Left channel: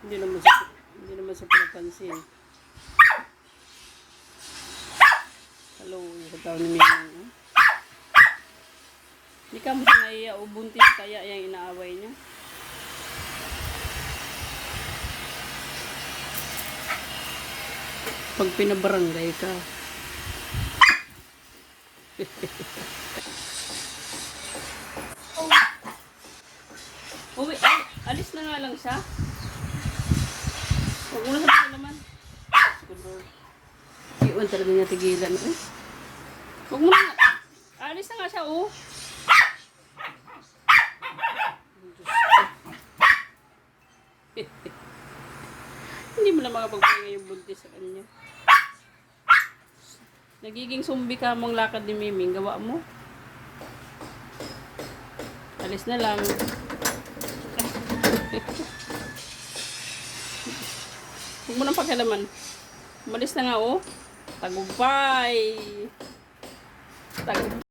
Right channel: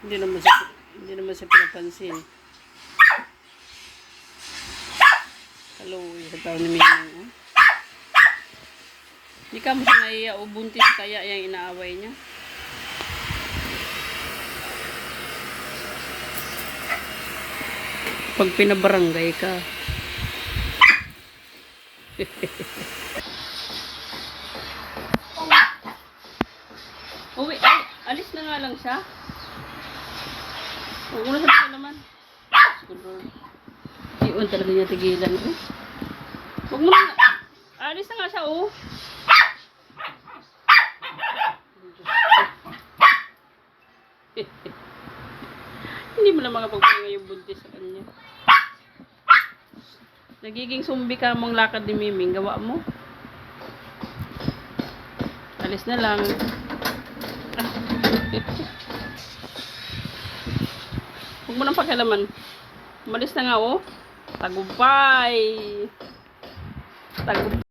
Hindi naman siya pinapansin. Hello, yung tao ni Miming. Hindi ka mo siya naiya o buntis kaya yung inaaway niya. Pag pinabarangay ka. Uwi, alis na nga lang siya. Huwag mo na sabihin naman. Iwan talaga niya tigilan. Huwag mo na. Alis na nga siya, oh. Hindi mo na makapagpahinga yung buntis sa kanya. Nagiging sumbi ka mong lakad ni Miming. Gawa mo. Alis na lang. Huwag mo nang pakialaman. Umalis na nga, oh. Tagumpay. Tagumpay.